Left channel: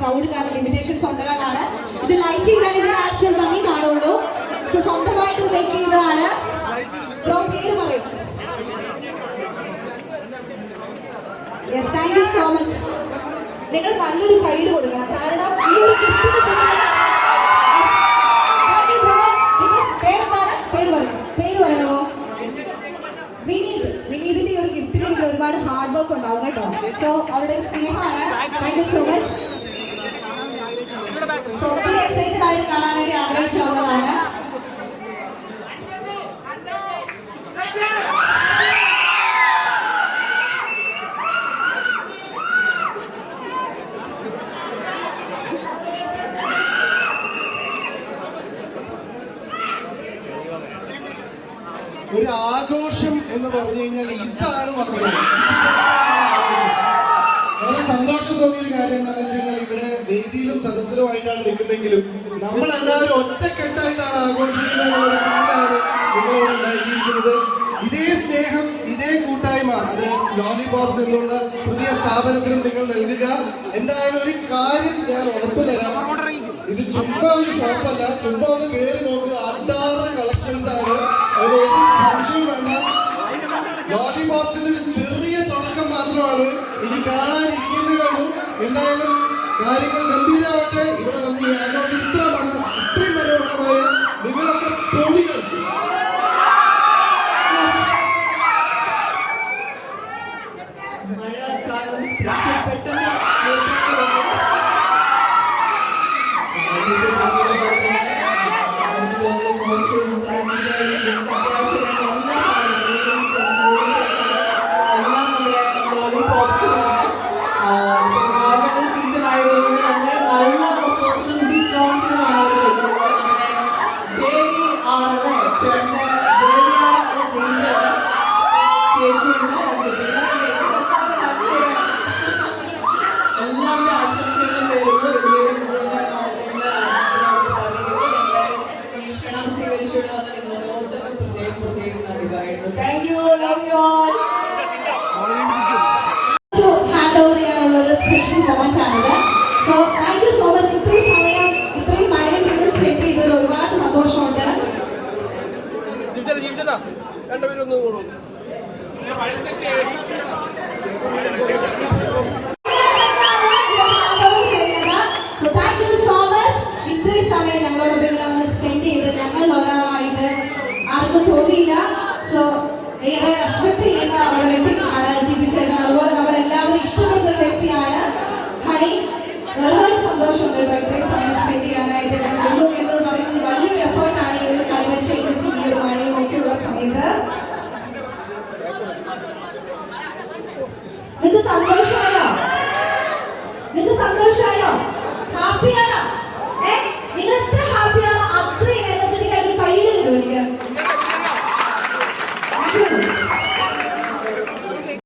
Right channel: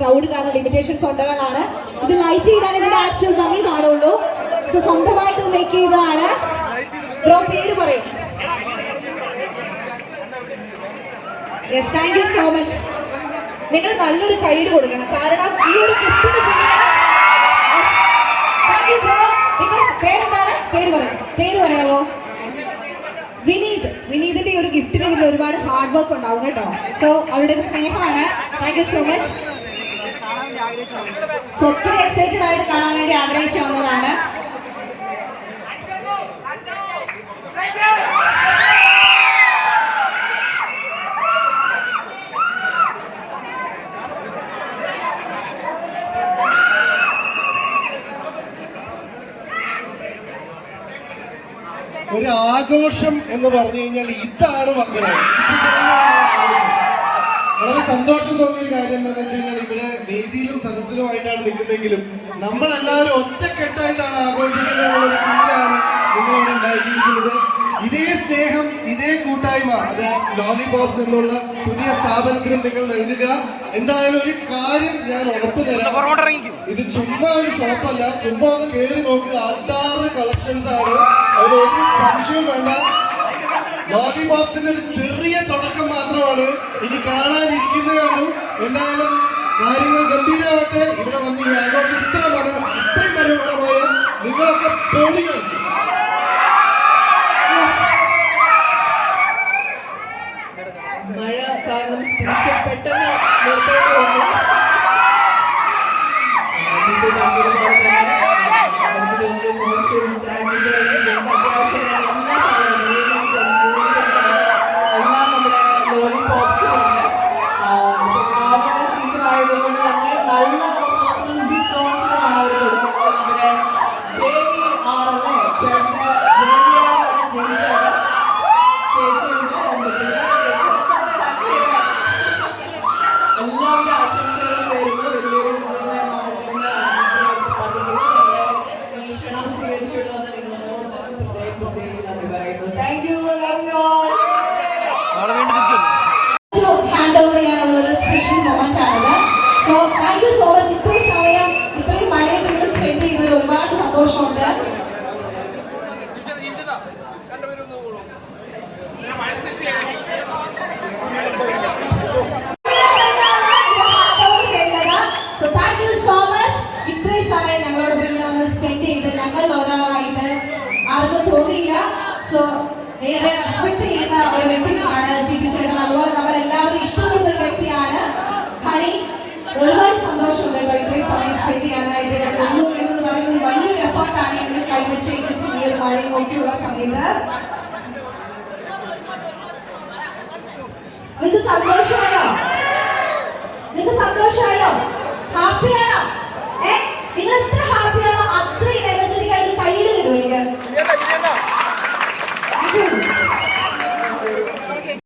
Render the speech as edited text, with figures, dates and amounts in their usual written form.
Crowd കാരണം limitations ഉള്ളതാണ്. ഇത് ലൈറ്റ് ചെയ്താൽ ഇതിന്റെ ആക്ഷൻ ഭംഗി കാണുള്ളൂ. സോ സ്വന്തമായിട്ട് മേക്ക് ചെയ്തതാണ്. ബ്രോ പേര് പറയും. Yes, thank you so much. നിങ്ങൾ നല്ലൊരു ഗൈഡ് കൊടുക്കണം, കാരണം ഈ ഒരു ഗിഫ്റ്റിന് പേര് പറയാമോ? വിനീതിന്റെ ഒരു ഗിഫ്റ്റിന് പിന്നെ ഒരുപാട് ഹാർഡ് വർക്ക് ഉണ്ടാവും കേട്ടോ. സോ അവരുടെ സ്നേഹമാണ്. Thank you so much. So ഒത്തിരി എക്സൈറ്റഡ് ആയിട്ട് കാണാൻ വേണ്ടി ആഗ്രഹിച്ചു വന്നതാണ്. ഒരു ആഘോഷം എന്ന് പറഞ്ഞു കഴിഞ്ഞാൽ ഇതാണ് മക്കളെ. വളരെ സന്തോഷം തോന്നിയൊരു കാര്യം എന്താണെന്ന് വെച്ച് കഴിഞ്ഞാൽ ഇവിടെ വേദിയിലും സദസ്സിലുമായിട്ടാണ് നിൽക്കുന്നതെങ്കിലും നമ്മളെല്ലാവരും ഒറ്റക്കെട്ടായിട്ടാണ് ആഘോഷിക്കുന്നതാണ് നിങ്ങളിവിടെ ഉണ്ടാക്കിയിരിക്കുന്നത്. ഇതേ സ്നേഹം, ഇതേ കൂട്ടായ്മ അത് ലോലിപോപ്സ് എന്നുള്ള പുതിയ സ്ഥാപനത്തിനും നിങ്ങൾ നൽകുക. എന്തായാലും ഒരു കാര്യം ഞാൻ ഉറപ്പ് തരാം, ഇത് ചുമ്മാ ഒരു ഷോപ്പല്ല. ചുമ്മാ ഒന്ന് കയറി നോക്കുക, 6 കളക്ഷൻസ് ആണ്. അതിലൊരു സംശയവും വേണ്ട. ലോലിപോപ്സിന്റെ ഒരു ചെറിയ തുടക്കം മാത്രമാണ്, ഇനി കാണാനിരിക്കുന്നതും. എന്തായാലും കാര്യങ്ങൾ ഗംഭീരമാവട്ടെ. ഇവിടെ വന്ന് ഈ ആഘോഷം ഇത്രയും മനോഹരമായ നിങ്ങളൊക്കെ പൊളികൾ. മഴ കാരണം പെട്ടെന്ന് രണ്ടുപേരൊന്നും